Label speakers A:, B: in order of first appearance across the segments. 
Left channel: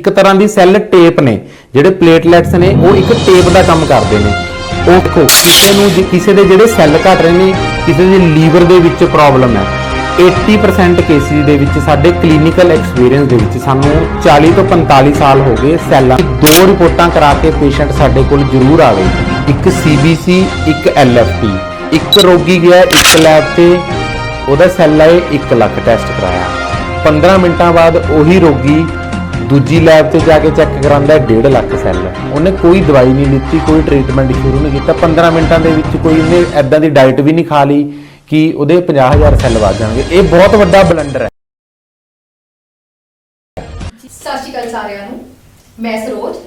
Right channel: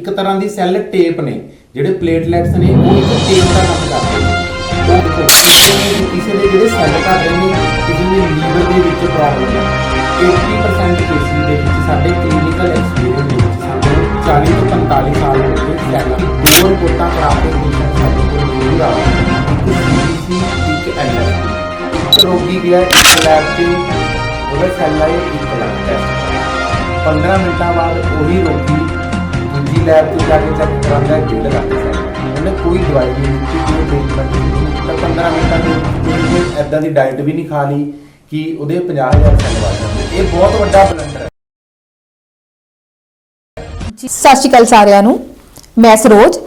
A: ਇੱਕ ਤਰ੍ਹਾਂ ਦੀ cell tape ਨੇ, ਜਿਹੜੇ ਪਲੇਟਲੈਟਸ ਨੇ, ਉਹ ਇੱਕ ਟੇਪ ਦਾ ਕੰਮ ਕਰਦੇ ਨੇ। ਉਹ ਦੇਖੋ, ਕਿਸੇ ਨੂੰ ਕਿਸੇ ਦੇ ਜਿਹੜੇ ਸੈੱਲ ਘਟ ਰਹੇ ਨੇ, ਕਿਸੇ ਦੇ ਲੀਵਰ ਦੇ ਵਿੱਚ ਪ੍ਰੋਬਲਮ ਹੈ। 80% ਕੇਸਿਸ ਦੇ ਵਿੱਚ ਸਾਡੇ ਕਲੀਨਿਕਲ ਐਕਸਪੀਰੀਅੰਸ ਦੇ ਵਿੱਚ ਸਾਨੂੰ 40 ਤੋਂ 45 ਸਾਲ ਹੋ ਗਏ ਸੈੱਲਾਂ ਦੋ ਰਿਪੋਰਟਾਂ ਕਰਾ ਕੇ ਪੇਸ਼ੈਂਟ ਸਾਡੇ ਕੋਲ ਜ਼ਰੂਰ ਆਵੇ ਇੱਕ ਸੀਬੀਸੀ ਇੱਕ ਐਲਐਫਟੀ ਇੱਕ ਰੋਗੀ ਗਿਆ, ਇੱਕ ਲੈਬ ਤੇ, ਉਹਦਾ ਸੈੱਲ ਆਏ 1 ਲੱਖ ਟੈਸਟ ਕਰਾਉਣਾ 15 ਮਿੰਟਾਂ ਬਾਅਦ ਉਹੀ ਰੋਗੀ ਦੂਜੀ ਲੈਬ ਤੇ ਜਾ ਕੇ ਚੈੱਕ ਕਰਾਉਂਦਾ ਹੈ 1.5 ਲੱਖ ਸੈੱਲ ਉਹਨੇ ਕੋਈ ਦਵਾਈ ਨਹੀਂ ਦਿੱਤੀ, ਕੋਈ ਟ੍ਰੀਟਮੈਂਟ ਨਹੀਂ ਕੀਤਾ 15 ਮਿੰਟਾਂ ਦੇ ਵਿੱਚ ਕੋਈ ਐਦਾਂ ਦੀ ਡਾਈਟ ਵੀ ਨਹੀਂ ਖਾ ਲਈ ਕਿ ਉਹਦੇ 50000 ਸੈੱਲ ਵੱਧ ਜਾਣਗੇ। ਇਹ ਬਹੁਤ ਵੱਡਾ ਬਲੰਡਰ ਹੈ।
B: ਸਤਿ ਸ਼੍ਰੀ ਅਕਾਲ ਸਾਰਿਆਂ ਨੂੰ। ਮੈਂ ਸਰੋਜ,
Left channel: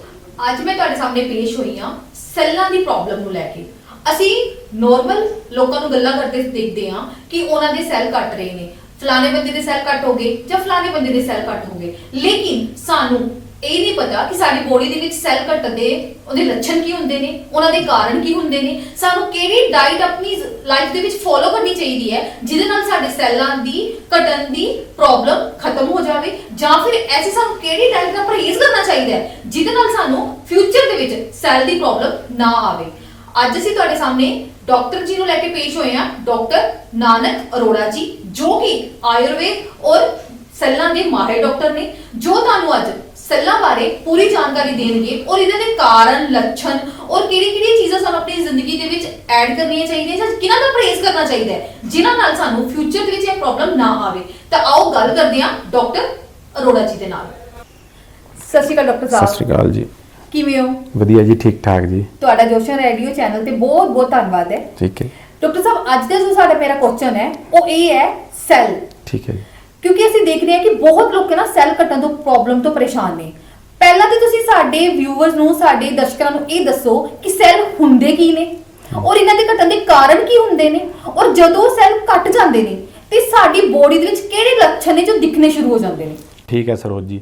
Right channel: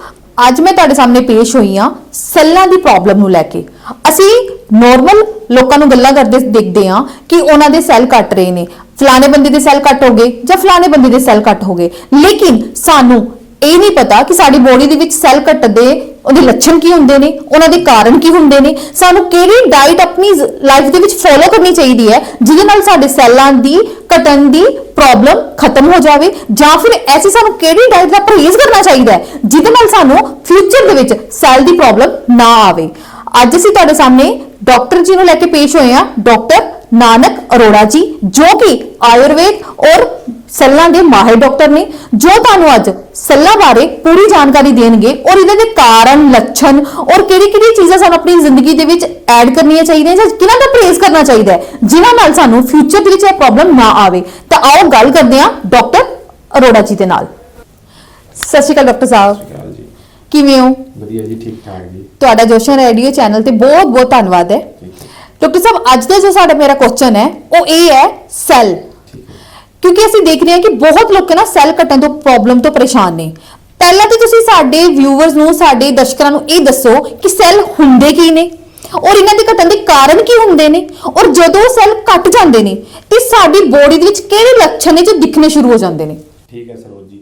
B: ਅੱਜ ਮੈਂ ਤੁਹਾਡੇ ਸਾਹਮਣੇ ਪੇਸ਼ ਹੋਈ ਹਾਂ ਸੈੱਲਾਂ ਦੀ ਪ੍ਰੋਬਲਮ ਨੂੰ ਲੈ ਕੇ। ਅਸੀਂ ਨਾਰਮਲ ਲੋਕਾਂ ਨੂੰ ਗੱਲਾਂ ਕਰਦੇ ਦੇਖਦੇ ਹਾਂ ਕਿ ਉਹਨਾਂ ਦੇ ਸੈੱਲ ਕੱਟ ਰਹੇ ਨੇ। ਫਲਾਣੇ ਬੰਦੇ ਦੇ ਸੈੱਲ ਕੱਟ ਹੋ ਗਏ ਜਾਂ ਫਲਾਣੇ ਬੰਦੇ ਦੇ ਸੈੱਲ ਕੱਟ ਹੋ ਗਏ। ਲੇਕਿਨ ਸਾਨੂੰ ਇਹ ਨਹੀਂ ਪਤਾ ਕਿ ਸਾਡੀ ਬੋਡੀ ਦੇ ਵਿੱਚ ਸੈੱਲ ਕੱਟ ਦੇ ਉਹਦੇ ਲੱਛਣ ਕੀ ਹੁੰਦੇ ਨੇ, ਉਹਨਾਂ ਦੇ ਕਾਰਨ ਕੀ ਹੁੰਦੇ ਨੇ। ਸਾਨੂੰ ਕਿਹੜੀ ਡਾਈਟ ਆਪਣੀ ਲਾਈਫ ਦੇ ਵਿੱਚ ਫੋਲੋ ਕਰਨੀ ਚਾਹੀਦੀ ਹੈ, ਜਿਹਦੇ ਨਾਲ ਸਾਡੇ ਸੈੱਲਾਂ ਦੀ ਘਟਣ ਦੀ ਪ੍ਰੋਬਲਮ ਖਤਮ ਹੋ ਜਾਵੇ ਜਾਂ ਫਿਰ ਐਸੀ ਸਾਨੂੰ ਕਿਹੜੀ ਡਾਈਟ ਦਾ ਪਰਹੇਜ਼ ਕਰਨਾ ਚਾਹੀਦਾ ਹੈ, ਜਿਹਦੇ ਨਾਲ ਸਾਨੂੰ ਫਿਊਚਰ ਦੇ ਵਿੱਚ ਸੈੱਲ ਦੀ ਪ੍ਰੋਬਲਮ ਨਾ ਆਵੇ। ਅੱਜ ਅਸੀਂ ਤੁਹਾਡੇ ਸਾਹਮਣੇ ਡਾਕਟਰ ਜੀ ਨੂੰ ਲੈ ਕੇ ਪੇਸ਼ ਹੋਏ ਹਾਂ ਡਾਕਟਰ ਨਾਨਕ ਅਰੋੜਾ ਜੀ, ਜੋ ਕਿ ਆਯੁਰਵੇਦ ਔਰ ਸੈੱਲਾਂ ਦੇ ਮਾਹਿਰ ਡਾਕਟਰ ਨੇ, ਜੋ ਤੁਹਾਨੂੰ ਅੱਜ ਸੈੱਲਾਂ ਬਾਰੇ ਪੂਰੀ ਜਾਣਕਾਰੀ ਦੇਣਗੇ ਔਰ ਇਹਨਾਂ ਦੇ ਕਾਰਨ, ਲੱਛਣ ਔਰ ਕਿਹੜੀ ਕਿਹੜੀ ਚੀਜ਼ਾਂ ਸਾਨੂੰ ਆਪਣੀ ਜ਼ਿੰਦਗੀ ਦੇ ਵਿੱਚ ਐਡ ਕਰਨੀਆਂ ਚਾਹੀਦੀਆਂ ਜਾਂ ਕਿਹਨਾਂ ਦਾ ਪਰਹੇਜ਼ ਕਰਨਾ ਚਾਹੀਦਾ ਹੈ, ਜਿਨ੍ਹਾਂ ਨਾਲ ਸਾਨੂੰ ਫਿਊਚਰ ਦੇ ਵਿੱਚ ਇਹ ਪ੍ਰੋਬਲਮ ਨਾ ਆਵੇ। ਤਾਂ ਆਓ ਗੱਲ ਕਰਦੇ ਹਾਂ ਡਾਕਟਰ ਅਰੋੜਾ ਜੀ ਦੇ ਨਾਲ। ਸਤਿ ਸ਼੍ਰੀ ਅਕਾਲ ਡਾਕਟਰ ਸਾਹਿਬ।
A: ਸਤਿ ਸ਼੍ਰੀ ਅਕਾਲ ਜੀ।
B: ਕਿਵੇਂ ਹੋ?
A: ਵਧੀਆ ਜੀ ਠੀਕ ਠਾਕ ਜੀ।
B: ਤੁਹਾਡਾ ਜੋਸ਼ਨ ਰੇਡੀਓ ਚੈਨਲ ਤੇ ਬਹੁਤ ਬਹੁਤ ਧੰਨਵਾਦ ਹੈ।
A: ਠੀਕ ਹੈ।
B: ਡਾਕਟਰ ਸਾਹਿਬ ਅੱਜ ਦਾ ਜੋ ਸਾਡਾ ਮੇਰਾ ਕੁਐਸਚਨ ਹੈ ਉਹ ਇਹ ਹੈ ਸੈੱਲ।
A: ਠੀਕ ਹੈ
B: ਕਿਉਂਕਿ ਅਸੀਂ ਦੇਖ ਰਹੇ ਹਾਂ ਕਿ ਬਹੁਤ ਲੋਕ ਨਾ ਸੈੱਲ ਕੱਟਣ ਤੋਂ ਪ੍ਰੋਬਲਮ ਤੋਂ ਪਰੇਸ਼ਾਨ ਨੇ। ਪਹਿਲਾਂ ਤਾਂ ਤੁਸੀਂ ਸਾਡੇ ਵਿਊਅਰਸ ਨੂੰ ਸਾਡੇ ਦਰਸ਼ਕਾਂ ਨੂੰ ਇਹ ਦੱਸੋ ਕਿ ਸੈੱਲ ਹੁੰਦੇ ਕੀ ਨੇ? ਔਰ ਇਹਨਾਂ ਦੇ ਘਟਣ ਦੇ ਕਾਰਨ ਕੀ ਹੁੰਦੇ ਨੇ? ਔਰ ਜਦੋਂ ਸੈੱਲ ਕੱਟ ਜਾਂਦੇ ਨੇ ਤੇ ਸਾਡੀ ਬੋਡੀ ਦੇ ਵਿੱਚ ਕਿਹੜੇ ਲੱਛਣ ਨੇ ਜੋ ਦਿਖਣੇ ਸ਼ੁਰੂ ਹੋ ਜਾਂਦੇ ਨੇ?
A: ਠੀਕ ਹੈ ਸਰੋਜ ਜੀ।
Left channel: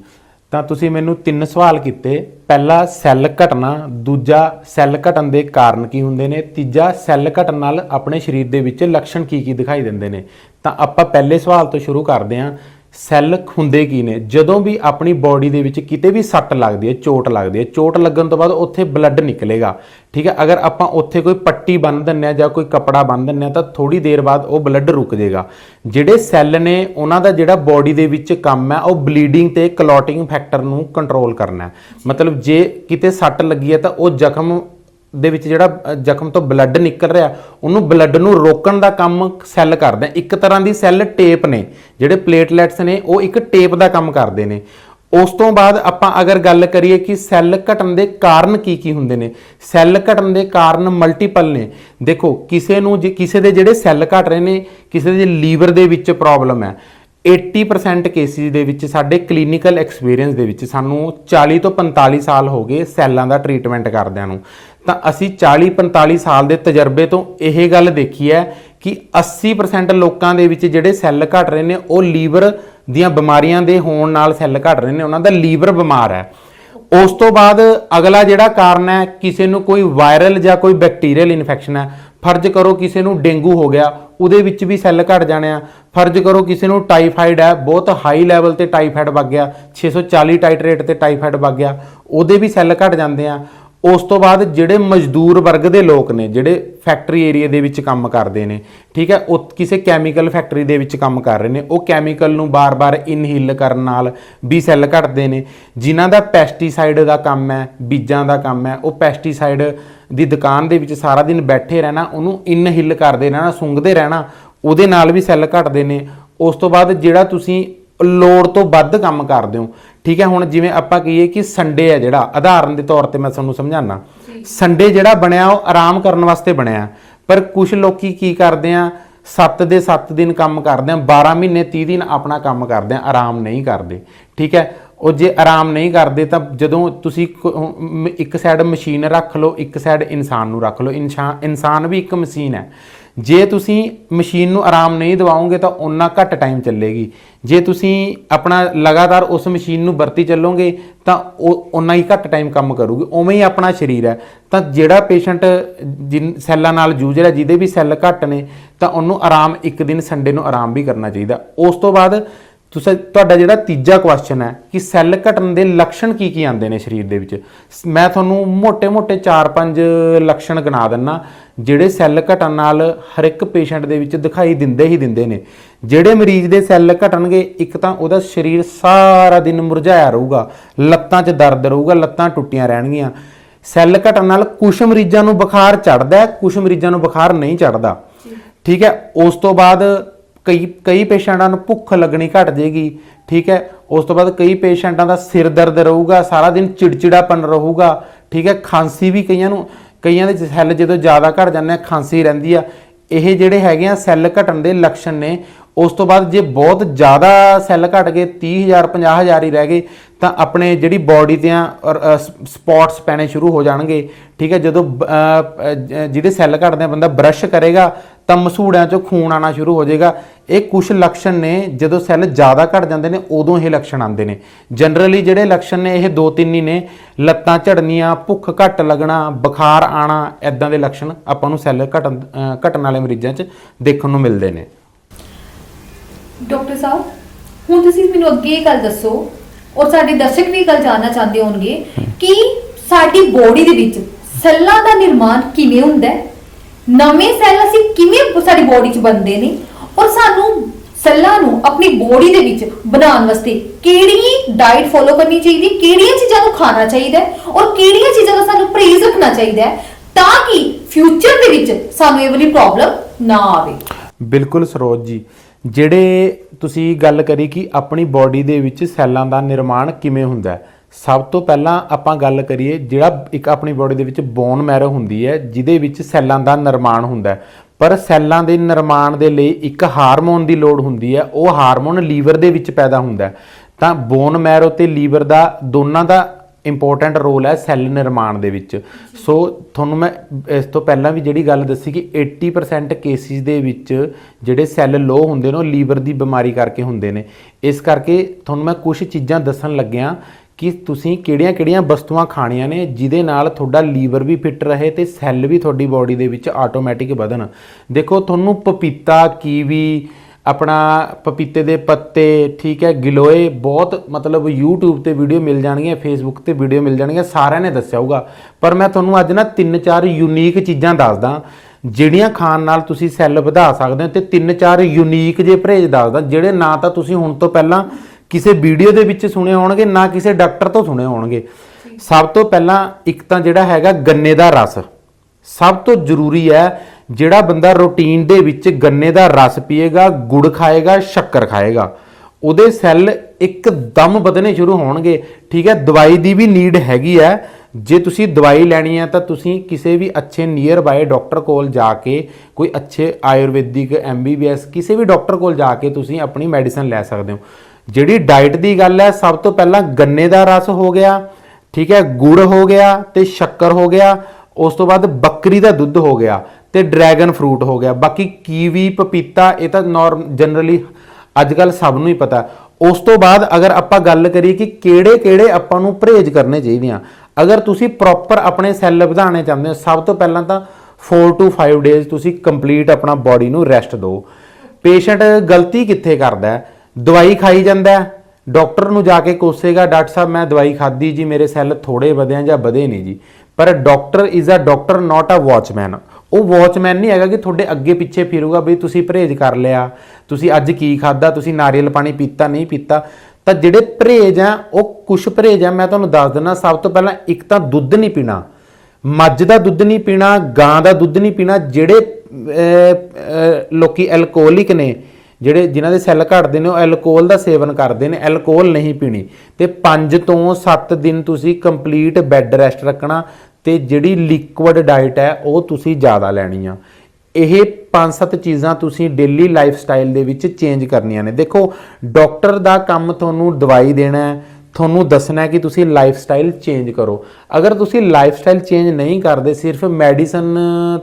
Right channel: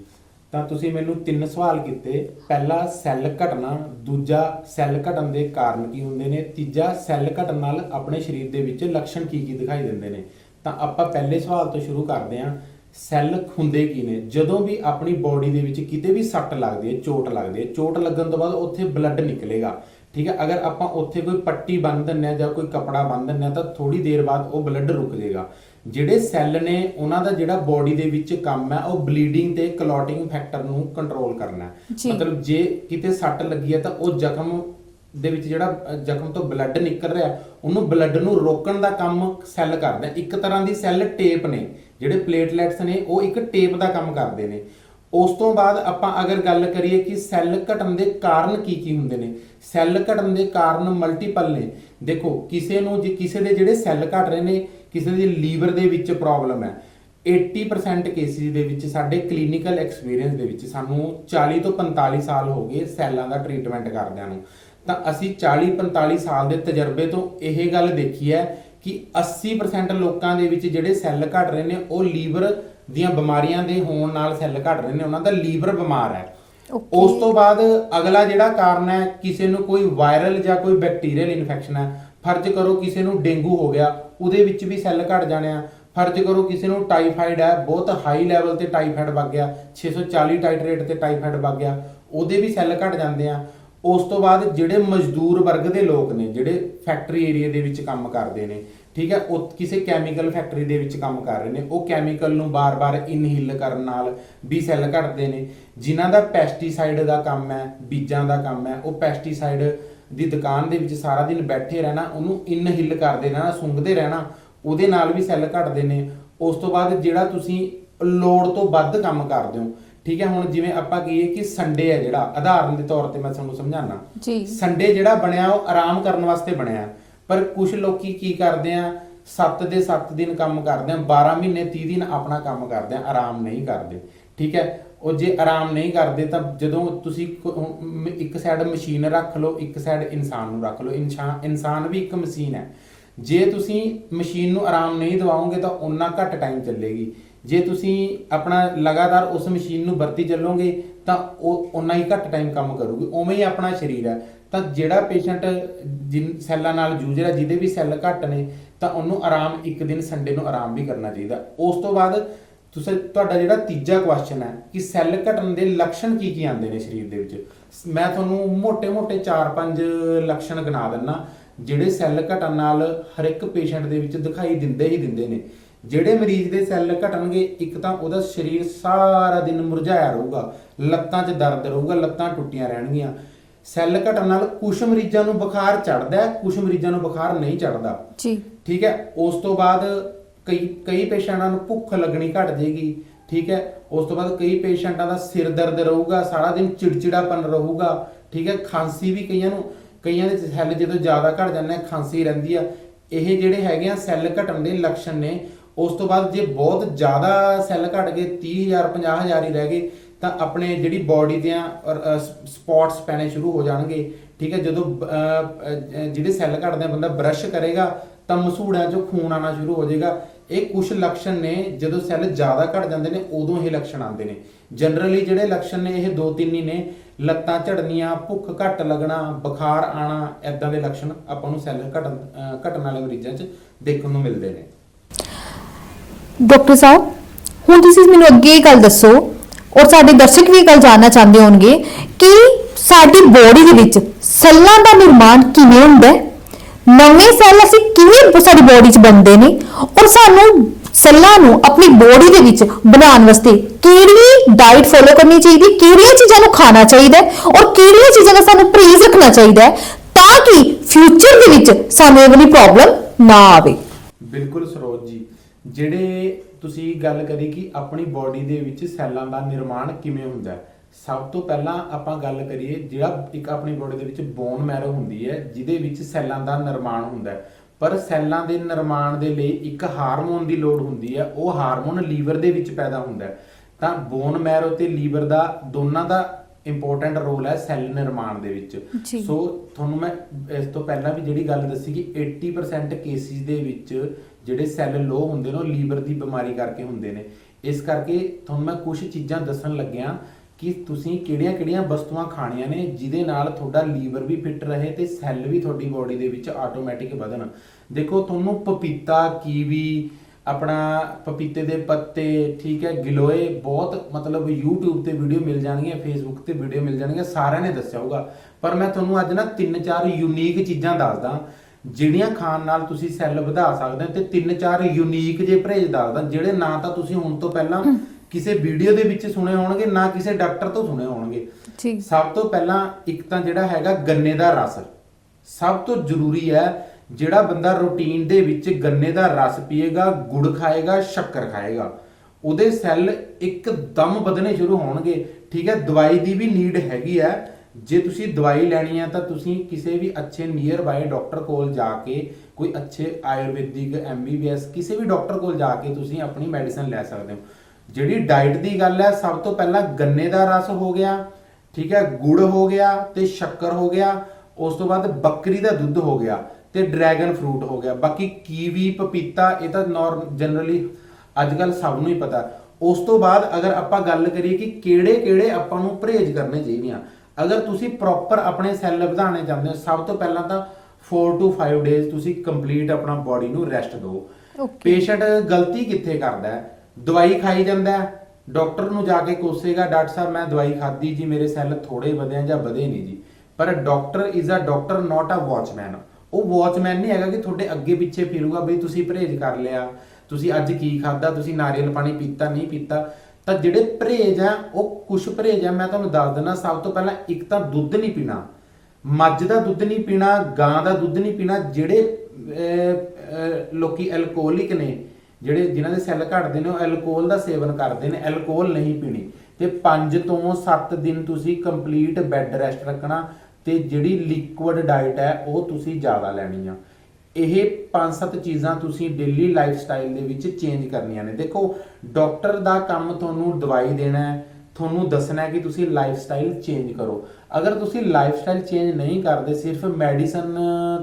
A: ਤਾਂ ਤੁਸੀਂ ਮੈਨੂੰ ਤਿੰਨ ਸਵਾਲ ਕੀਤੇ। ਪਹਿਲਾ, ਸੈੱਲ ਘਟਣਾ ਦੂਜਾ, ਸੈੱਲ ਘਟਣ ਦੇ ਕਾਰਨ ਕੀ ਹੁੰਦੇ ਨੇ, ਤੀਜਾ, ਸੈੱਲ ਘਟਣ ਨਾਲ ਆਪਣੇ ਸਰੀਰ ਦੇ ਵਿੱਚ ਲੱਛਣ ਕੀ ਕੀ ਦਿਖਾਈ ਦਿੰਦੇ ਨੇ। ਤਾਂ ਆਪਾਂ ਪਹਿਲੇ ਸਵਾਲ ਤੋਂ ਸ਼ੁਰੂ ਕਰਦੇ ਹਾਂ। ਸੈੱਲ ਹੁੰਦੇ ਕੀ ਨੇ? ਜਦੋਂ ਵੀ ਆਪਣੀ ਬਾਡੀ ਦੇ ਵਿੱਚ ਕਿਤੇ ਵੀ ਸੱਟ ਲੱਗਦੀ ਹੈ ਚੋਟ ਲੱਗਦੀ ਹੈ ਚੋਟ ਲੱਗਣ ਤੋਂ ਬਾਅਦ ਉੱਥੇ ਬਲੱਡ ਨਿਕਲੇਗਾ। ਠੀਕ ਹੈ ਅਗਰ ਆਪਾਂ ਉੱਥੇ ਕੋਈ ਪੱਟੀ ਬੰਨ੍ਹ ਦਿੰਨੇ ਆ ਜਾਂ ਕੋਈ ਕਪੜਾ ਬੰਨ੍ਹ ਦਿੰਨੇ ਆ ਤਾਂ ਥੋੜੀ ਦੇਰ ਬਾਅਦ ਉਹ ਬਲੱਡ ਰੁਕ ਜਾਏਗਾ ਜਿਹੜੇ ਸੈੱਲ ਨੇ ਉਹਨਾਂ ਦਾ ਜਿਹੜਾ ਬਾਡੀ ਦੇ ਵਿੱਚ ਕੰਮ ਹੈ ਉਹ ਬਲੀਡਿੰਗ ਤੇ ਕਲੌਟਿੰਗ ਫੈਕਟਰ ਨੂੰ ਕੰਟਰੋਲ ਕਰਨਾ ਹੈ। ਮਤਲਬ ਜੇ ਕਿਤੇ ਸੱਟ ਲੱਗੀ ਹੈ ਤਾਂ ਉਹ ਜ਼ਖਮ ਦੇ ਵਿੱਚ ਜਿਹੜਾ ਜ਼ਖਮ ਤੋਂ ਬਲੱਡ ਨਿਕਲ ਰਿਹਾ, ਉਹਨੂੰ ਬਲੱਡ ਨੂੰ ਰੋਕਣ ਦਾ ਕੰਮ ਸੈੱਲ ਕਰਦੇ ਆ ਇੱਕ ਤਰ੍ਹਾਂ ਦੀ ਸੈੱਲ ਟੇਪ ਨੇ, ਜਿਹੜੇ ਪਲੇਟਲੈਟਸ ਨੇ, ਉਹ ਇੱਕ ਟੇਪ ਦਾ ਕੰਮ ਕਰਦੇ ਨੇ। ਉਸ ਤੋਂ ਬਾਅਦ ਆਪਾਂ ਅਗਰ ਗੱਲ ਕਰੀਏ ਕਿ ਸੈੱਲ ਘਟਣ ਦੇ ਕਾਰਨ ਕੀ ਕੀ ਹੁੰਦੇ ਨੇ। ਸੈੱਲ ਘਟਣ ਦੇ ਕਾਰਨ ਮਲਟੀਪਲ ਨੇ। ਦੇਖੋ, ਕਿਸੇ ਨੂੰ ਜੇ, ਕਿਸੇ ਦੇ ਜਿਹੜੇ ਸੈੱਲ ਘਟ ਰਹੇ ਨੇ, ਕਿਸੇ ਦੇ ਲੀਵਰ ਦੇ ਵਿੱਚ ਪ੍ਰੋਬਲਮ ਹੈ। 80% ਕੇਸਿਸ ਦੇ ਵਿੱਚ ਸਾਡੇ ਕਲੀਨਿਕਲ ਐਕਸਪੀਰੀਅੰਸ ਦੇ ਵਿੱਚ ਸਾਨੂੰ 40 ਤੋਂ 45 ਸਾਲ ਹੋ ਗਏ ਸੈੱਲਾਂ ਦਾ ਟ੍ਰੀਟਮੈਂਟ ਕਰਦਿਆਂ ਨੂੰ। ਤਾਂ ਅਸੀਂ 40 45 ਸਾਲ ਦੇ ਤਜਰਬੇ ਤੋਂ ਇਹ ਗੱਲ ਦੇਖੀ ਹੈ ਕਿ 80% ਲੋਕਾਂ ਦੇ ਵਿੱਚ ਜਿਹੜੇ ਸੈੱਲ ਘਟ ਰਹੇ ਨੇ ਉਹ ਲੀਵਰ ਦੀਆਂ ਬਿਮਾਰੀਆਂ ਦੇ ਹੋਣ ਨਾਲ ਸੈੱਲ ਘਟ ਰਹੇ ਨੇ ਉਹਨਾਂ ਦਾ ਲੀਵਰ ਬਿਮਾਰ ਹੈ। ਉਸ ਤੋਂ ਬਾਅਦ ਅਗਲਾ ਜਿਹੜਾ ਕਾਰਨ ਹੈ ਕਿਸੇ ਨੂੰ ਕੋਈ ਵਾਇਰਲ ਜਾਂ ਕੋਈ ਬੈਕਟੀਰੀਅਲ ਇਨਫੈਕਸ਼ਨ ਹੈ ਫਰਜ਼ ਕਰੋ ਕਿਸੇ ਨੂੰ ਡੇਂਗੂ ਹੋ ਗਿਆ ਉਹਦੇ ਵਿੱਚ ਵੀ ਸੈੱਲ ਘਟ ਜਾਣੇ ਆ। ਫਰਜ਼ ਕਰੋ ਕਿਸੇ ਨੂੰ ਟਾਈਫਾਈਡ ਹੈ ਬਹੁਤ ਹਾਈ ਲੈਵਲ ਤੇ ਟਾਈਫਾਈਡ ਵਗ ਗਿਆ 640 ਟਾਈਟਰੇਟ ਤੇ ਟਾਈਫਾਈਡ ਵਗ ਗਿਆ ਉਹਦੇ ਵੀ ਸੈੱਲ ਘਟ ਜਾਂਦੇ ਆ। ਉਸ ਤੋਂ ਬਾਅਦ ਜਿਹੜੇ ਮਜ਼ਦੂਰ ਵਰਗ ਦੇ ਲੋਕ ਨੇ, ਜਿਹੜੇ ਫੈਕਟਰੀ ਏਰੀਆ ਦੇ ਵਿੱਚ ਕੰਮ ਕਰਦੇ ਨੇ, ਠੀਕ ਹੈ, ਉਹ ਕਿਸੇ ਕੈਮੀਕਲ ਫੈਕਟਰੀ ਦੇ ਵਿੱਚ ਕੰਮ ਕਰ ਰਹੇ ਨੇ, ਉਹ ਕੈਮੀਕਲ ਨੂੰ ਬਾਰ-ਬਾਰ ਇਨਹੇਲ ਕਰਨ ਨਾਲ ਵੀ ਸੈੱਲ ਘਟਦੇ ਨੇ, ਜਿਨ੍ਹਾਂ ਦਾ ਪੈਸਟੀਸਾਈਡ ਦਾ ਕੰਮ ਹੈ, ਬੀਜਾਂ ਦਾ ਕੰਮ ਹੈ, ਉਹ ਪੈਸਟੀਸਾਈਡ ਦੀ ਦੁਕਾਨ ਦੇ ਵਿੱਚ ਸਾਰਾ ਦਿਨ ਬੈਠੇ ਰਹਿਣਾ, ਉਹਨੂੰ ਇਨਹੇਲ ਕਰਦੇ ਰਹਿਣਾ, ਸੁੰਘਦੇ ਰਹਿਣਾ, ਉਹਦੇ ਨਾਲ ਵੀ ਸੈੱਲ ਘਟਦੇ ਨੇ। ਉਸ ਤੋਂ ਬਾਅਦ ਜਿਹੜਾ ਤੁਸੀਂ ਲੋੜ ਤੋਂ ਵੱਧ ਕੰਮ ਕਰਦੇ ਹੋ ਠੀਕ ਹੈ ਹੁਣ ਜਿਵੇਂ ਆਪਾਂ ਕਹੀਏ ਕਿ ਸੰਡੇ ਹੈ ਜਿਹੜਾ ਉਦਾਹਰਨ ਦੇ ਤੌਰ ਤੇ ਮੈਂ ਤੁਹਾਨੂੰ ਸਮਝਾਣਾ
B: ਜੀ।
A: ਸੰਡੇ ਜਿਹੜਾ ਬਣਿਆ ਉਹ ਆਰਾਮ ਕਰਨ ਵਾਸਤੇ ਬਣਿਆ। ਪਰ ਕੁਝ ਲੋਕੀ ਕੀ ਕਰਦੇ ਆ 7 ਦੇ 7 ਦਿਨ ਕੰਮ ਕਰਦੇ ਆ 12 ਮਹੀਨੇ 30 ਦਿਨ ਆਪਣਾ ਕੰਮ ਕਰਦੇ ਆ ਆਰਾਮ ਨਹੀਂ ਕਰਦੇ। ਠੀਕ ਹੈ ਉਹ ਜੇ ਆਰਾਮ ਨਹੀਂ ਕਰਦੇ ਤਾਂ ਜਦੋਂ ਤੁਸੀਂ ਇੱਕ ਸਾਈਡ ਮਸ਼ੀਨ ਰੱਖ ਲਓ ਇੱਕ ਸਾਈਡ ਇਨਸਾਨ ਨੂੰ ਰੱਖ ਲਓ। ਇਨਸਾਨ ਇਨਸਾਨ ਵੀ ਇੱਕ ਮਸ਼ੀਨ ਹੈ। ਜੇ ਤੁਸੀਂ ਮਸ਼ੀਨ ਨੂੰ ਆਰਾਮ ਨਹੀਂ ਦਿਵਾਓਗੇ ਤਾਂ ਉਨਾ ਘੱਟ ਟਾਈਮ ਚੱਲੇਗੀ। ਜੇ ਤੁਸੀਂ ਆਪਣਾ ਲਗਾਤਾਰ ਉਸ ਮਸ਼ੀਨ ਨੂੰ ਵਰਤੀ ਚੱਲੋਗੇ, ਤਾਂ ਉਹ ਉਨਾ ਹੀ ਘੱਟ ਟਾਈਮ ਕੰਮ ਕਰੂਗੀ। ਉਵੇਂ ਹੀ ਆਪਣਾ ਸਰੀਰ ਹੈ। ਤਾਂ ਜਿਹੜਾ ਪੇਸ਼ੈਂਟ ਜਿਨ ਸੈੱਲਾਂ ਨਾਲ ਜੂਝ ਰਿਹਾ, ਜਿਹਦੇ ਵੀ ਸੈੱਲ ਘੱਟ ਨੇ, ਤਾਂ ਉਹਨੂੰ ਆਰਾਮ ਇੱਕ ਦਿਨ ਸੰਡੇ ਨੂੰ ਆਰਾਮ ਵੀ ਕਰਨਾ ਚਾਹੀਦਾ। ਉਸ ਤੋਂ ਬਾਅਦ ਤੁਸੀਂ ਤੁਹਾਡਾ ਜਿਹੜਾ ਤੀਜਾ ਕੁਐਸਚਨ ਹੈ ਕਿ ਸੈੱਲ ਘਟਣ ਦੇ ਲੱਛਣ ਕੀ ਕੀ ਆਉਂਦੇ ਨੇ ਸਰੀਰ ਦੇ ਵਿੱਚ? ਮੈਂ ਤੁਹਾਨੂੰ ਮੋਟੇ ਮੋਟੇ 4-5 ਲੱਛਣ ਗਿਣਾ ਦਿੰਨਾ ਜਿਹੜੇ ਸੈੱਲ ਘਟਣ ਨਾਲ ਹਰ ਇੱਕ ਪੇਸ਼ੈਂਟ ਦੇ ਵਿੱਚ ਦਿਖਾਈ ਦਿੰਦੇ ਹੀ ਦਿੰਦੇ ਨੇ। ਜਿਹੜੇ ਮਰੀਜ਼ ਦੇ ਸੈੱਲ ਘਟਣਗੇ ਇੱਕ ਤਾਂ ਉਹਦਾ ਸਰੀਰ ਸਾਰਾ ਦਿਨ ਮੁਰਝਾਇਆ ਰਹੂਗਾ ਲੱਤਾਂ 'ਚ ਦਰਦ ਰਹੂਗਾ ਲੱਤਾਂ ਟੁੱਟੀਆਂ ਰਹਿਣਗੀਆਂ। ਸੈੱਲ ਘਟਣ ਨਾਲ ਕੁਝ ਮਰੀਜ਼ਾਂ ਨੂੰ ਬੁਖਾਰ ਚੜਦਾ ਕੁਝ ਮਰੀਜ਼ਾਂ ਨੂੰ ਬੁਖਾਰ ਨਹੀਂ ਚੜਦਾ
B: ਜੀ।
A: ਠੀਕ ਹੈ ਉਸ ਤੋਂ ਬਾਅਦ ਕਈ ਕਈ ਪੇਸ਼ੈਂਟਾਂ ਨੂੰ ਭੁੱਖ ਲੱਗਣੀ ਘਟ ਜੇਗੀ, ਠੀਕ ਹੈ? ਉਸ ਤੋਂ ਬਾਅਦ ਕਈ ਪੇਸ਼ੈਂਟਾਂ ਦਾ ਸਿਰ ਦਰਦ ਰਹੂਗਾ, ਸਾਰਾ ਦਿਨ ਚਿੜਚਿੜਾਪਨ ਰਹੂਗਾ, ਠੀਕ ਹੈ? ਖਾਂਸੀ ਵੀ ਕਈਆਂ ਨੂੰ, ਕਈਆਂ ਦੇ ਸੈੱਲ ਜਦੋਂ ਜ਼ਿਆਦਾ ਘਟ ਜਾਂਦੇ ਆ, ਖਾਂਸੀ ਰਹਿੰਦੀ ਆ। ਇਹ ਜਿਹੜੇ ਹੈਗੇ ਆ, ਸੈੱਲ ਘਟਣ ਦੇ ਲੱਛਣ ਨੇ। ਉਸ ਤੋਂ ਬਾਅਦ ਜੇ ਬਹੁਤ ਜ਼ਿਆਦਾ ਸੈੱਲ ਘਟ ਗਏ 30000 50000 ਹੀ ਰਹਿ ਗਏ, ਤਾਂ ਆਪਣੇ ਜਿਹੜੀ ਬਾਡੀ ਤੇ ਆ ਸਪੌਟਸ ਪੈਣੇ ਸ਼ੁਰੂ ਹੋ ਜਾਣਗੇ, ਠੀਕ ਹੈ? ਜਦੋਂ ਬ- ਜਿਹਦੇ ਸੈੱਲ ਘਟਦੇ ਆ, ਬੰਦਾ ਬ੍ਰਸ਼ ਕਰੇਗਾ, ਤਾਂ ਮਸੂੜਿਆਂ ਚੋਂ ਖੂਨ ਆਣਾ ਸ਼ੁਰੂ ਹੋ ਜਾਏਗਾ ਇਹ ਕੁਝ ਲੱਛਣ ਨੇ, ਜਦੋਂ ਸੈੱਲ ਜ਼ਿਆਦਾ ਘਟ ਜਾਂਦੇ ਨੇ, ਉਦੋਂ ਇਹ ਲੱਛਣ ਆਉਂਦੇ ਨੇ। ਜਨਰਲੀ ਜਿਹੜੇ ਲੱਛਣ ਨੇ, ਇਹ ਦੋ ਤਿੰਨ ਹੀ ਨੇ। ਲੱਤਾਂ ਝੜਨੀਆਂ, ਭੁੱਖ ਘੱਟ ਲੱਗਣਾ, ਬੁਖਾਰ ਆਣਾ ਐਦਾਂ ਦੇ ਲੱਛਣ ਆਪਾਂ ਨੂੰ ਸੈੱਲ ਘਟਣ ਘਟਣ ਵਾਲੇ ਮਰੀਜ਼ਾਂ 'ਚ ਦੇਖਣ ਨੂੰ ਮਿਲਦੇ ਨੇ।
B: ਡਾਕਟਰ ਸਾਹਿਬ, ਹੁਣ ਤੁਸੀਂ ਮੈਨੂੰ ਅੱਗੇ ਇਹ ਗੱਲ ਦੱਸੋ, ਔਰ ਸਾਡੇ ਦਰਸ਼ਕ ਵੀ ਇਹ ਗੱਲ ਜਾਣਨਾ ਚਾਹੁੰਦੇ ਹੋਣਗੇ ਕਿ ਸਾਡੀ ਬੋਡੀ ਦੇ ਵਿੱਚ ਸੈੱਲਾਂ ਦਾ ਨਿਰਮਾਣ ਕਿਵੇਂ ਹੁੰਦਾ ਹੈ? ਨਵੇਂ ਸੈੱਲ ਅਸੀਂ ਕਿਵੇਂ ਸਾਡੀ ਬੋਡੀ 'ਚ ਬਣਦੇ ਨੇ ਔਰ ਸਾਨੂੰ ਸੈੱਲਾਂ ਨੂੰ ਆਪਣੀ ਬੋਡੀ ਦੇ ਵਿੱਚ ਬਣਾਉਣ ਵਾਸਤੇ ਕਿਹੜੀ ਡਾਈਟ ਫੋਲੋ ਕਰਨੀ ਚਾਹੀਦੀ, ਕਿਹੜੀਆਂ ਚੀਜ਼ਾਂ ਨੂੰ ਖਾਣਾ ਚਾਹੀਦਾ ਔਰ ਕਿਹੜੀਆਂ ਚੀਜ਼ਾਂ ਦਾ ਸਾਨੂੰ ਪਰਹੇਜ਼ ਰੱਖਣਾ ਚਾਹੀਦਾ ਤਾਂ ਕਿ ਫਿਊਚਰ ਦੇ ਵਿੱਚ ਸਾਨੂੰ ਇਹ ਵਾਲੀ ਪ੍ਰੋਬਲਮ ਨਾ ਆਵੇ।
A: ਬਿਲਕੁਲ ਸਰੋਜ ਜੀ, ਜਿਹੜੇ ਤੁਸੀਂ ਗੱਲ ਕਰੀ ਕਿ ਆਪਣੀ ਬਾਡੀ ਦੇ ਵਿੱਚ ਸੈੱਲਾਂ ਦਾ ਨਿਰਮਾਣ ਕਿਵੇਂ ਹੁੰਦਾ ਹੈ, ਸਭ ਤੋਂ ਪਹਿਲਾਂ ਆਪਾਂ ਗੱਲ ਕਰੀਏ ਜਿਹੜਾ ਇੱਕ ਆਪਣੀ ਬਾਡੀ ਦੇ ਵਿੱਚ ਬੋਨ ਮੈਰੋ ਹੁੰਦੀ ਹੈ, ਜਿਹਦੇ ਵਿੱਚ ਸੈੱਲਾਂ ਦਾ ਨਿਰਮਾਣ ਹੁੰਦਾ ਹੈ। ਪਰ ਸੈੱਲਾਂ ਦੇ ਨਿਰਮਾਣ ਦੇ ਲਈ ਇੱਕ ਹਾਰਮੋਨ ਦੀ ਲੋੜ ਹੁੰਦੀ ਹੈ ਉਹ ਹਾਰਮੋਨ ਲੀਵਰ ਦੇ ਵਿੱਚ ਪੈਦਾ ਹੁੰਦਾ ਹੈ। ਤਾਂ ਬੋਨ ਮੈਰੋ ਤੇ ਲੀਵਰ ਦਾ ਦੋਨਾਂ ਦਾ ਇੰਪੋਰਟੈਂਟ ਰੋਲ ਹੈ ਸੈੱਲ ਨਿਰਮਾਣ ਦੇ ਵਿੱਚ। ਸੋ ਤੁਹਾਨੂੰ ਮੈਂ ਇਸ ਤੋਂ ਪਹਿਲਾਂ ਵੀ ਜਿਹੜੀ ਗੱਲ ਦੱਸੀ ਕਿ 80% ਕੇਸਿਸ ਦੇ ਵਿੱਚ ਜਿਹੜੇ ਸੈੱਲ ਲੋ ਹੁੰਦੇ ਨੇ ਉਹ ਲੀਵਰ ਦੀ ਬਿਮਾਰੀ ਕਰਕੇ ਹੁੰਦੇ ਨੇ। ਇਸ ਕਰਕੇ ਤੁਹਾਨੂੰ ਮੈਂ ਕੁਝ ਚੀਜ਼ਾਂ ਦੱਸਣ ਲੱਗਿਆ ਕਿ ਤੁਸੀਂ ਕਿਹੜੀਆਂ-ਕਿਹੜੀਆਂ ਵਸਤੂਆਂ ਖਾਣੀਆਂ ਨੇ, ਜਿਹਦੇ ਨਾਲ ਤੁਹਾਡਾ ਲੀਵਰ ਵੀ ਫਿੱਟ ਰਹੇ ਤੇ ਸੈੱਲ ਵੀ ਤੁਹਾਡੀ ਬਾਡੀ ਦੇ ਵਿੱਚ ਆਟੋਮੈਟਿਕ ਵਧਣ। ਦੇਖੋ, ਤੁਹਾਨੂੰ ਪਪੀਤਾ, ਕੀਵੀ, ਆਪਣਾ ਪਪੀਤੇ ਦੇ ਪੱਤੇ, ਠੀਕ ਹੈ, ਗਿਲੋਏ, ਬਹੁਤ ਮਤਲਬ YouTube ਤੇ ਵੀਡੀਓ ਮਿਲ ਜਾਣਗੀਆਂ, Facebook ਤੇ ਵੀਡੀਓ ਮਿਲ ਜਾਣਗੀਆਂ, ਸਾਰਿਆਂ ਨੇ ਦੱਸਿਆ ਹੋਊਗਾ। ਪਰ ਮੈਂ ਤੁਹਾਨੂੰ ਅੱਜ ਨਾ ਤਿੰਨ ਚਾਰ ਯੂਨੀਕ ਚੀਜ਼ਾਂ ਦੱਸਦਾ, ਜਿਹੜੀਆਂ ਖਾਣ ਨਾਲ ਤੁਸੀਂ ਸੈੱਲ ਵਧਾ ਸਕਦੇ ਹੋ ਤੇ ਤਿੰਨ ਚਾਰ ਯੂਨੀਕ ਜੇ ਪਰਹੇਜ਼ ਦੱਸਦਾ, ਜਿਹੜੇ ਨਾ ਤਾਂ ਤੁਸੀਂ ਹੁਣ ਤੋਂ ਪਹਿਲਾਂ ਕਿਸੇ ਵੀਡੀਓ ਦੇ ਵਿੱਚ ਸੁਣੇ ਹੋਣਗੇ ਨਾ ਕਿਸੇ ਡਾਕਟਰ ਤੋਂ ਸੁਣੇ ਹੋਣਗੇ। ਸਭ ਤੋਂ ਪਹਿਲਾਂ ਇੱਕ ਤਾਂ ਜਿਹੜਾ ਹੈਗਾ ਗੰਨੇ ਦਾ ਰਸ। ਸਭ ਤੋਂ ਜ਼ਰੂਰੀ ਹੈ ਜਿਹੜਾ ਬੰਦਾ ਰੂਟੀਨ ਦੇ ਵਿੱਚ ਗੰਨੇ ਦਾ ਰਸ ਪੀਏਗਾ ਗੁੜ ਖਾਏਗਾ ਸ਼ੱਕਰ ਖਾਏਗਾ। ਉਹਦੇ ਸੈੱਲ ਇੱਕਦਮ ਵਧਣੇ ਸ਼ੁਰੂ ਹੋਣਗੇ। ਠੀਕ ਹੈ ਦਵਾਈ ਦੀ ਵੀ ਨੀਡ ਹੈਗੀ ਹੈ। ਜੇ ਤੁਸੀਂ ਦਵਾਈ ਲੈਣੀ ਹੈ ਤਾਂ ਤੁਸੀਂ ਕਿਸੇ ਵੀ ਅੱਛੇ ਨੀਅਰ ਬਾਏ ਡਾਕਟਰ ਕੋਲ ਜਾ ਕੇ ਕੋਈ ਅੱਛੇ ਆਯੁਰਵੈਦਿਕ ਐਮਬੀਬੀਐਸ ਕਿਸੇ ਵੀ ਡਾਕਟਰ ਕੋਲ ਜਾ ਕੇ ਤੁਸੀਂ ਆਪਣੀ ਮੈਡੀਸਨ ਲੈ ਸਕਦੇ ਹੋ। ਜਿਹੜੀ ਡਾਈਟ ਦੀ ਗੱਲ ਹੈ ਸਭ ਤੋਂ ਪਹਿਲਾਂ ਗੰਨੇ ਦਾ ਰਸ ਹੋ ਗਿਆ ਠੀਕ ਹੈ ਗੁੜ ਹੋ ਗਿਆ ਤੇ ਸ਼ੱਕਰ ਹੋ ਗਿਆ ਉਸ ਤੋਂ ਬਾਅਦ ਬੱਕਰੀ ਦਾ ਦੁੱਧ ਹੋ ਗਿਆ ਤੇ ਡਰੈਗਨ ਫਰੂਟ ਹੋ ਗਿਆ। ਬਾਕੀ ਕੀਵੀ ਪਪੀਤਾ ਇਹ ਤਾਂ ਨਾਰਮ ਜਨਰਲੀ ਅੱਜ ਕੱਲ ਸਭ ਨੂੰ ਹੀ ਪਤਾ ਉਸ ਤੋਂ ਬਾਅਦ ਅਗਰ ਆਪਾਂ ਗੱਲ ਕਰੀਏ ਕਿ ਕਿਹੜੇ ਕਿਹੜੇ ਆਪਾਂ ਨੂੰ ਪਰਹੇਜ਼ ਕਰਨੇ ਚਾਹੀਦੇ ਆ ਅਗਰ ਤੁਸੀਂ ਪ੍ਰੋਪਰ ਆਪਣੇ ਸੈੱਲ ਵਧਾਉਣੇ ਚਾਹੁੰਦੇ ਹੋ ਸਭ ਤੋਂ ਪਹਿਲਾਂ ਤਾਂ 4 ਤੋਂ 5 ਡੇਜ਼ ਤੁਸੀਂ ਕੰਪਲੀਟ ਆਪਣਾ ਬਾਡੀ ਨੂੰ ਰੈਸਟ ਦਿਓ। ਪੇਸ਼ੈਂਟ ਗਲਤੀ ਕਿੱਥੇ ਕਰਦਾ ਹੈ? ਦਵਾਈ ਖਾਈ ਜਾਂਦਾ ਹੈ। ਡਾਕਟਰ ਨੂੰ ਜਾ ਕੇ ਕੋਸੇਗਾ ਡਾਕਟਰ ਸਾਹਿਬ ਮੈਂ ਦਵਾਈ ਖਾਧੀ ਜੀ ਮੇਰੇ ਸੈੱਲ ਥੋੜੇ ਵਧੇ ਆ ਜਾਂ ਵਧੇ ਨਹੀਂ ਜੀ। ਪਰ doctor is a doctor not a watchman ਉਹ ਵਾਚਮੈਨ ਨਹੀਂ ਹੈਗਾ ਕਿ ਤੁਹਾਡੇ ਅੱਗੇ ਪਿੱਛੇ ਫਿਰੂਗਾ ਵੀ ਤੁਸੀਂ ਪਰਹੇਜ਼ ਕਰ ਲਿਆ। ਤੁਸੀਂ ਅੱਜ ਕੀ ਖਾਦਾ ਤੁਸੀਂ ਨਾਰੀਅਲ ਪਾਣੀ ਪੀਤਾ ਨਹੀਂ ਪੀਤਾ। ਤਾਂ ਜਿਹੜੇ ਪਰਹੇਜ਼ ਆ ਉਹ ਕੁਝ ਪਰਹੇਜ਼ ਆ ਮੈਂ ਤੁਹਾਨੂੰ ਦੱਸ ਦਿੰਦਾ ਸਭ ਤੋਂ ਪਹਿਲਾਂ ਇੱਕ ਤਾਂ ਦੁੱਧ ਨਹੀਂ ਪੀਣਾ। ਮੱਝ ਦਾ ਦੁੱਧ ਨਹੀਂ ਪੀਣਾ ਗਾਂ ਦਾ ਦੁੱਧ ਨਹੀਂ ਪੀਣਾ ਜਿਹੜੇ ਅਹ, ਲੋਕੀ ਐਲਕੋਹਲਿਕ ਨੇ ਜਿਹੜੇ ਜਿਨ੍ਹਾਂ ਦੇ ਸੈੱਲ ਘਟਦੇ ਨੇ ਉਹ ਐਲਕੋਹਲ ਦਾ ਸੇਵਨ ਕਰਦੇ ਨੇ, ਐਲਕੋਹਲ ਨਹੀਂ ਪੀਣੀ। ਤੇ 5 ਤੋਂ 7 ਦਿਨ ਤੁਸੀਂ ਕੰਪਲੀਟ ਬੈੱਡ ਰੈਸਟ ਰੱਖਣਾ ਤੇ ਜਿਹੜੀ ਲਿਕੁਇਡ ਡਾਈਟ ਹੈ, ਉਹ ਤੁਸੀਂ ਜ਼ਿਆਦਾ ਲੈਣੀ ਆ। ਇਹ ਪੰਜ ਸੱਤ ਚੀਜ਼ਾਂ ਤੁਸੀਂ ਡੇਲੀ ਲਾਈਫ ਸਟਾਈਲ ਦੇ ਵਿੱਚ ਚੇਂਜ ਕਰਨੀਆਂ ਨੇ। ਦੇਖੋ, ਡਾਕਟਰ ਦਾ ਕੰਮ ਤੁਹਾਨੂੰ ਦਵਾਈ ਦੇਣਾ ਹੈ, ਤੁਹਾਨੂੰ ਦੱਸਣਾ ਹੈ ਕਿ ਤੁਸੀਂ ਲਾਈਫ ਸਟਾਈਲ ਚੇਂਜ ਕਰੋ। ਅਗਰ ਤੁਸੀਂ ਲਾਈਫ ਸਟਾਈਲ ਚੇਂਜ ਨਹੀਂ ਕਰਦੇ, ਸਿਰਫ ਮੈਡੀਸਨ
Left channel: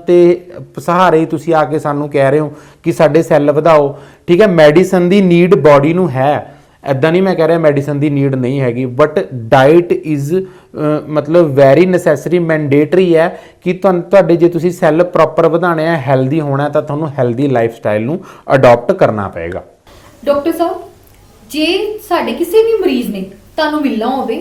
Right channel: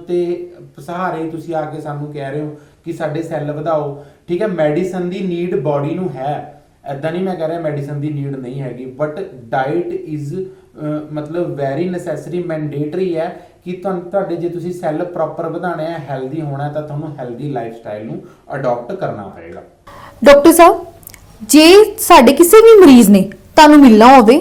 A: ਤੇ ਸਹਾਰੇ ਤੁਸੀਂ ਆ ਕੇ ਸਾਨੂੰ ਕਹਿ ਰਹੇ ਹੋ ਕਿ ਸਾਡੇ ਸੈੱਲ ਵਧਾਓ ਠੀਕ ਹੈ ਮੈਡੀਸਨ ਦੀ ਨੀਡ ਬਾਡੀ ਨੂੰ ਹੈ। ਐਦਾਂ ਨਹੀਂ ਮੈਂ ਕਹਿ ਰਿਹਾ ਮੈਡੀਸਨ ਦੀ ਨੀਡ ਨਹੀਂ ਹੈਗੀ ਬਟ ਡਾਈਟ ਇਜ਼ ਮਤਲਬ ਵੈਰੀ ਨੈਸੈਸਰੀ ਮੈਂਡੇਟਰੀ ਹੈ ਕਿ ਤੁਹਾਨੂੰ ਤੁਹਾਡੇ ਜੇ ਤੁਸੀਂ ਸੈੱਲ ਪ੍ਰੋਪਰ ਵਧਾਣੇ ਆ ਹੈਲਦੀ ਹੋਣਾ ਤਾਂ ਤੁਹਾਨੂੰ ਹੈਲਦੀ ਲਾਈਫ ਸਟਾਈਲ ਨੂੰ ਅਡਾਪਟ ਕਰਨਾ ਪਏਗਾ।
B: ਡਾਕਟਰ ਸਾਹਿਬ, ਜੇ ਸਾਡੇ ਕਿਸੇ ਵੀ ਮਰੀਜ਼ ਨੇ ਤੁਹਾਨੂੰ ਮਿਲਣਾ ਹੋਵੇ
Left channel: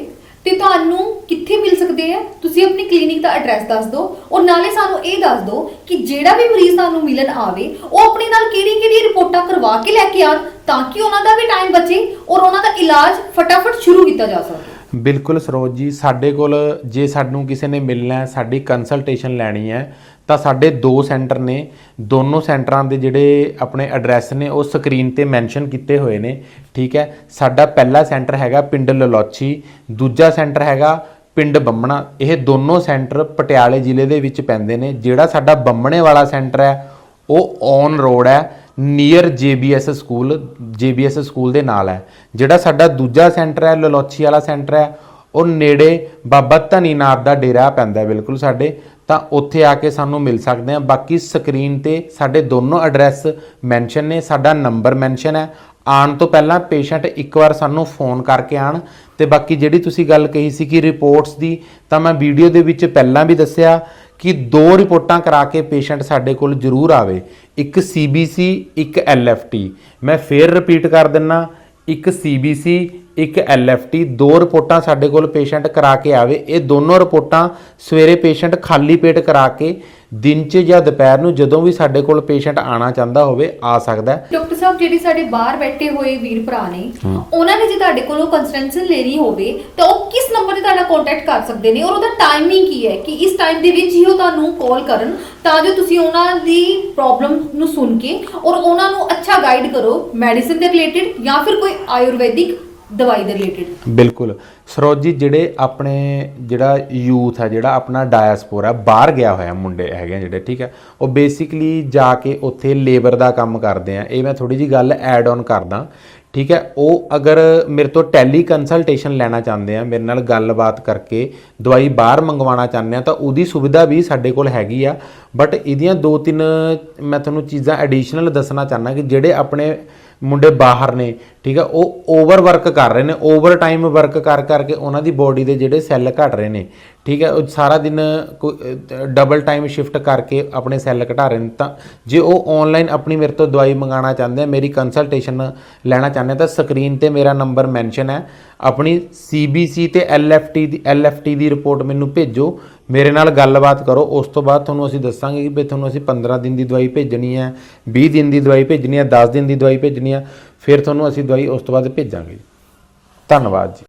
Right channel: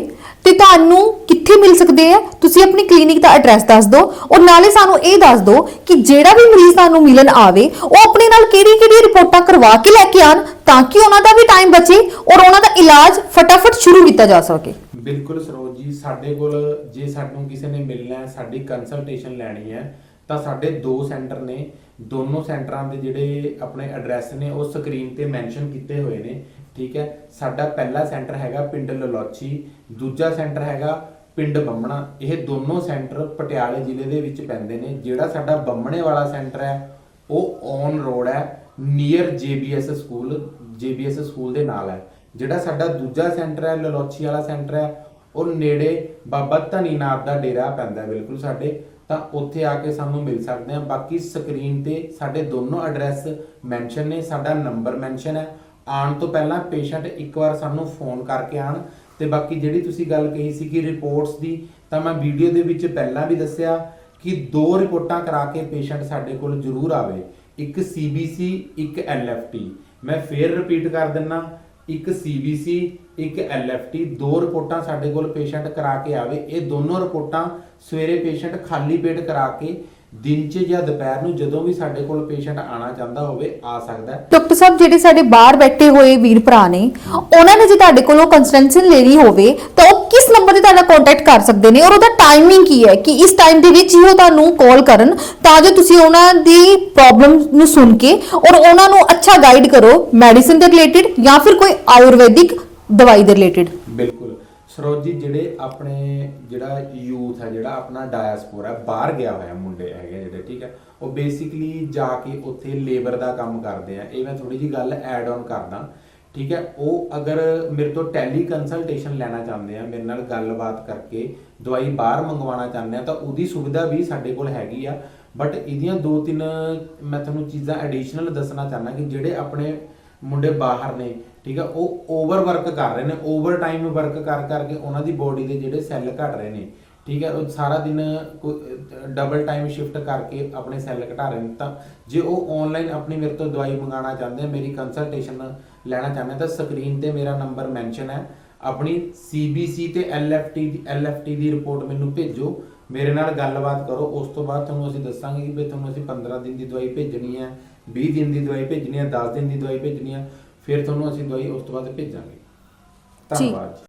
B: ਤੇ ਤੁਹਾਨੂੰ ਕਿੱਥੇ ਮਿਲ ਸਕਦੇ ਆ? ਤੁਸੀਂ ਆਪਣੀ ਕਲੀਨਿਕ ਦਾ ਐਡਰੈਸ ਦੱਸ ਦਿਓ। ਔਰ ਨਾਲੇ ਸਾਨੂੰ ਇਹ ਦੱਸ ਦਿਓ ਕਿ ਜਿਹੜਾ ਵੀ ਮਰੀਜ਼ ਤੁਹਾਨੂੰ ਮਿਲਣ ਆਵੇ, ਉਹ ਆਪਣੇ ਨਾਲ ਕਿਹੜੀ-ਕਿਹੜੀ ਰਿਪੋਰਟਾਂ ਕਰਵਾ ਕੇ ਲੈ ਕੇ ਆਣ ਤਾਂ ਕਿ ਉਹਨਾਂ ਦਾ ਵੀ ਟਾਈਮ ਬਚੇ ਔਰ ਉਹਨਾਂ ਦਾ ਇਲਾਜ ਫਟਾਫਟ ਸ਼ੁਰੂ ਕੀਤਾ ਜਾ ਸਕੇ।
A: ਬਿਲਕੁਲ ਸਰੋਜ ਜੀ, ਸਾਡੇ ਕੋਲ ਜੇ ਸਾਨੂੰ ਕਿਸੇ ਨੇ ਮਿਲਣਾ ਹੈ, ਸਾਡੀ ਕੰਸਲਟੇਸ਼ਨ ਲੈਣੀ ਹੈ ਤਾਂ ਸਾਡੇ ਦੋ ਸੈਂਟਰ ਨੇ, ਦੋਨੋਂ ਸੈਂਟਰਾਂ ਦੇ ਜਿਹੜੇ ਆਪਣੇ ਐਡਰੈਸ ਨੇ, ਉਹ ਸਕਰੀਨ ਤੇ ਮੈਂਸ਼ਨ ਕੀਤੇ ਹੋਏ ਨੇ, ਠੀਕ ਹੈ। ਸਾਡਾ ਪਹਿਲਾ ਸੈਂਟਰ ਹੈਗਾ ਪਿੰਡ ਲਲੋਚੀ, ਦੂਜਾ ਸੈਂਟਰ ਹੈਗਾ ਪਿੰਡ ਬੰਮਣਾ। ਇਹ ਦੋਨੋਂ ਸੈਂਟਰ ਪਟਿਆਲੇ ਜ਼ਿਲ੍ਹੇ ਦੇ ਵਿੱਚ ਪੈਂਦੇ ਨੇ। ਜਿਹੜਾ ਸਾਡਾ ਬੰਮਣੇ ਵਾਲਾ ਸੈਂਟਰ ਹੈ, ਉਹ ਔਨ ਰੋਡ ਹੈ, near JBS school JBS school ਦੇ ਨਾਲ ਹੈ। ਜਿਹੜਾ ਸਾਡਾ ਦੂਜਾ ਸੈਂਟਰ ਹੈ, ਲਲੋਚੀ ਵਾਲਾ ਸੈਂਟਰ ਹੈ, ਉਹ ਨੇੜੇ ਬਾਬਾ ਧਨੀਨਾਥ ਦਾ ਡੇਰਾ ਪੈਂਦਾ ਬਿਲਕੁਲ ਸਾਡੇ। ਤਾਂ ਉੱਥੇ ਆ ਕੇ ਸਾਨੂੰ ਮਿਲ ਸਕਦੇ ਆ। ਬਾਕੀ ਸਕਰੀਨ ਤੇ ਸਾਡੇ ਦੋਨੋਂ ਐਡਰੈਸ ਮੈਂਸ਼ਨ ਨੇ, ਸਾਡਾ ਨੰਬਰ ਮੈਂਸ਼ਨ ਹੈ। ਆਉਣ ਤੋਂ ਪਹਿਲਾਂ ਪੇਸ਼ੈਂਟ ਇੱਕ ਵਾਰ ਸਾਨੂੰ ਫੋਨ ਕਰਕੇ ਆਣ ਤੇ ਬਾਕੀ ਜਿਹੜੀ ਤੁਸੀਂ ਗੱਲ ਕਹੀ ਸੀ ਕਿ ਰਿਪੋਰਟਸ ਦੀ, ਤਾਂ ਮੈਂ ਵੀਡੀਓ ਦੇ ਵਿੱਚ ਪਹਿਲਾਂ ਵੀ ਦੱਸਿਆ ਕਿ ਦੋ ਰਿਪੋਰਟਾਂ ਕਰਾ ਕੇ ਪੇਸ਼ੈਂਟ ਸਾਡੇ ਕੋਲ ਜ਼ਰੂਰ ਆਵੇ। ਇੱਕ CBC ਇੱਕ LFT ਮੈਂ ਫੇਰ ਰਿਪੀਟ ਕਰ ਦਿੰਨਾ ਇੱਕ CBC ਇੱਕ LFT ਦੋ ਰਿਪੋਰਟਾਂ ਸਾਡੇ ਕੋਲ ਪੇਸ਼ੈਂਟ ਕਰਾ ਕੇ ਆਵੇ। ਇਹ ਦੋਨੋਂ ਰਿਪੋਰਟਾਂ ਸਵੇਰੇ ਪੇਸ਼ੈਂਟ ਖਾਲੀ ਪੇਟ ਕਰਾ ਕੇ ਦਿਨ 'ਚ ਜਾਂ ਦੁਪਹਿਰ ਨੂੰ ਜਦੋਂ ਵੀ ਸਾਡੇ ਕੋਲ ਪੇਸ਼ੈਂਟ ਆਣਾ ਚਾਹੁੰਦਾ ਹੋਵੇ ਆ ਸਕਦਾ ਹੈ।
B: ਡਾਕਟਰ ਸਾਹਿਬ ਜਿਹੜੇ ਸਾਡੇ ਬਾਹਰ ਬੈਠੇ ਹੋਏ ਵੀਰ ਭਰਾ ਨੇ ਉਹਨਾਂ ਨੇ ਜੇ ਤੁਹਾਡੇ ਕੋਲੋਂ ਕੰਸਲਟੇਸ਼ਨ ਲੈਣੀ ਹੋਵੇ ਤਾਂ ਉਹ ਕਿਸ ਨੰਬਰ ਤੇ ਤੁਹਾਡਾ ਕੰਟੈਕਟ ਕਰ ਸਕਦੇ ਨੇ ਔਰ ਉਹਦਾ ਟਾਈਮਿੰਗ ਕੀ ਹੈ ਕਿ ਇਸ ਟਾਈਮ ਦੇ ਵਿੱਚ ਹੀ ਉਹ ਤੁਹਾਨੂੰ ਕਾਲ ਕਰਨ ਤਾਂ ਜੋ ਤੁਸੀਂ ਉਹਨਾਂ ਦੀ ਪ੍ਰੋਬਲਮ ਨੂੰ ਸੁਣ ਕੇ ਔਰ ਉਹਨਾਂ ਨੂੰ ਅੱਛਾ ਗਾਈਡ ਕਰੋ ਮੈਡੀਸਿਨ ਦੇ ਰਿਲੇਟਡ ਜਾਂ ਫਿਰ ਕੋਈ ਆਯੁਰਵੈਦਿਕ ਦਵਾਈ ਦੇ ਰਿਲੇਟਡ
A: ਬਿਲਕੁਲ। ਸਰੋਜ ਜੀ, ਜਿਹੜੇ ਆਪਣੇ ਜਿਹੜਾ ਯੂਥ ਹੈ, ਜਿਹੜਾ ਆਪਣਾ ਡਾਇਸਪੋਰਾ ਬਾਹਰ ਗਿਆ ਹੋਇਆ ਮੁੰਡੇ ਹੈਗੇ ਆ ਜਿਹੜੇ, ਠੀਕ ਹੈ, ਉਹ ਬੇਸਿਕਲੀ ਜਾ ਕੇ ਉੱਥੇ ਲੇਬਰ ਦਾ ਕੰਮ ਕਰਦੇ ਆ। ਇਹ ਮੈਂ ਥੋੜੀ ਜੀ ਗੱਲ ਐਡ ਆਨ ਕਰਦਾ, ਠੀਕ ਹੈ, ਉਹ ਅਗਰ ਮੇਰੇ ਤੋਂ ਟੈਲੀ ਕੰਸਲਟੇਸ਼ਨ ਲੈਣਾ ਚਾਹੁੰਦੇ ਆ, ਮੇਰੇ ਨਾਲ ਗੱਲਬਾਤ ਕਰਕੇ ਦਵਾਈ ਬਾਹਰ ਮੰਗਵਾਉਣਾ ਚਾਹੁੰਦੇ ਆ, ਤਾਂ ਉਹਦੀ ਸੁਵਿਧਾ ਵੀ ਸਾਡੇ ਕੋਲ ਹੈਗੀ ਆ। ਬਟ ਇਹਦੀਆਂ ਦੋ ਤਿੰਨ ਮੈਂ ਤੁਹਾਨੂੰ ਚੀਜ਼ਾਂ ਐਡੀਸ਼ਨਲ ਦੱਸਣਾ ਚਾਹੁੰਦਾ ਕਿ ਜਿਹੜੇ ਆਪਣੇ ਮੁੰਡੇ ਬਾਹਰ ਨੇ, ਠੀਕ ਹੈ ਉਹ ਓਵਰ ਵਰਕ ਕਰ ਰਹੇ ਨੇ ਓਵਰ ਟਾਈਮ ਵਰਕ ਕਰ ਕਰਕੇ ਉਹਨਾਂ ਦੀ ਬੋਡੀ ਦੇ ਜਿਹੜੇ ਸੈੱਲ ਘਟ ਰਹੇ ਨੇ, ਠੀਕ ਹੈ ਉਹ ਸਾਰਾ ਦਿਨ ਡਬਲ ਟਾਈਮ ਸ਼ਿਫਟ ਕਰਕੇ ਆਪਣੇ ਸੈੱਲ ਘਟਾ ਰਹੇ ਨੇ, ਤਾਂ ਜੇ ਉਹ ਆਨਲਾਈਨ ਆਪਣੀ ਮੇਰੇ ਤੋਂ ਦਵਾਈ ਮੰਗਾਉਣਾ ਚਾਹੁੰਦੇ ਆ, ਮੇਰੀ ਕੰਸਲਟੇਸ਼ਨ ਲੈਣਾ ਚਾਹੁੰਦੇ ਤਾਂ ਸਕਰੀਨ ਤੇ ਮੇਰਾ ਨੰਬਰ ਮੈਂਸ਼ਨ ਹੈ, ਆਪਣੀ CBC ਤੇ LFT ਦੀ LFT ਦੀ ਰਿਪੋਰਟ ਮੈਨੂੰ ਭੇਜੋ ਮੇਰੇ ਨਾਲ ਗੱਲਬਾਤ ਕਰੋ। ਉਸ ਤੋਂ ਬਾਅਦ ਤੁਹਾਨੂੰ ਅਸੀਂ ਦੱਸਾਂਗੇ ਕਿ ਵੀ ਤੁਹਾਨੂੰ ਅਸੀਂ 15 ਦਿਨ ਦੀ ਦਵਾਈ ਭੇਜਣੀ ਹੈ 20 ਦਿਨ ਦੀ ਦਵਾਈ ਭੇਜਣੀ ਹੈ 10 ਦਿਨ ਦੀ ਦਵਾਈ ਭੇਜਣੀ ਹੈ, ਫਿਰ ਤੁਹਾਨੂੰ ਅਸੀਂ ਦਵਾਈ ਉਸ ਤੋਂ ਬਾਅਦ ਭੇਜਾਂਗੇ। ਧੰਨਵਾਦ ਜੀ।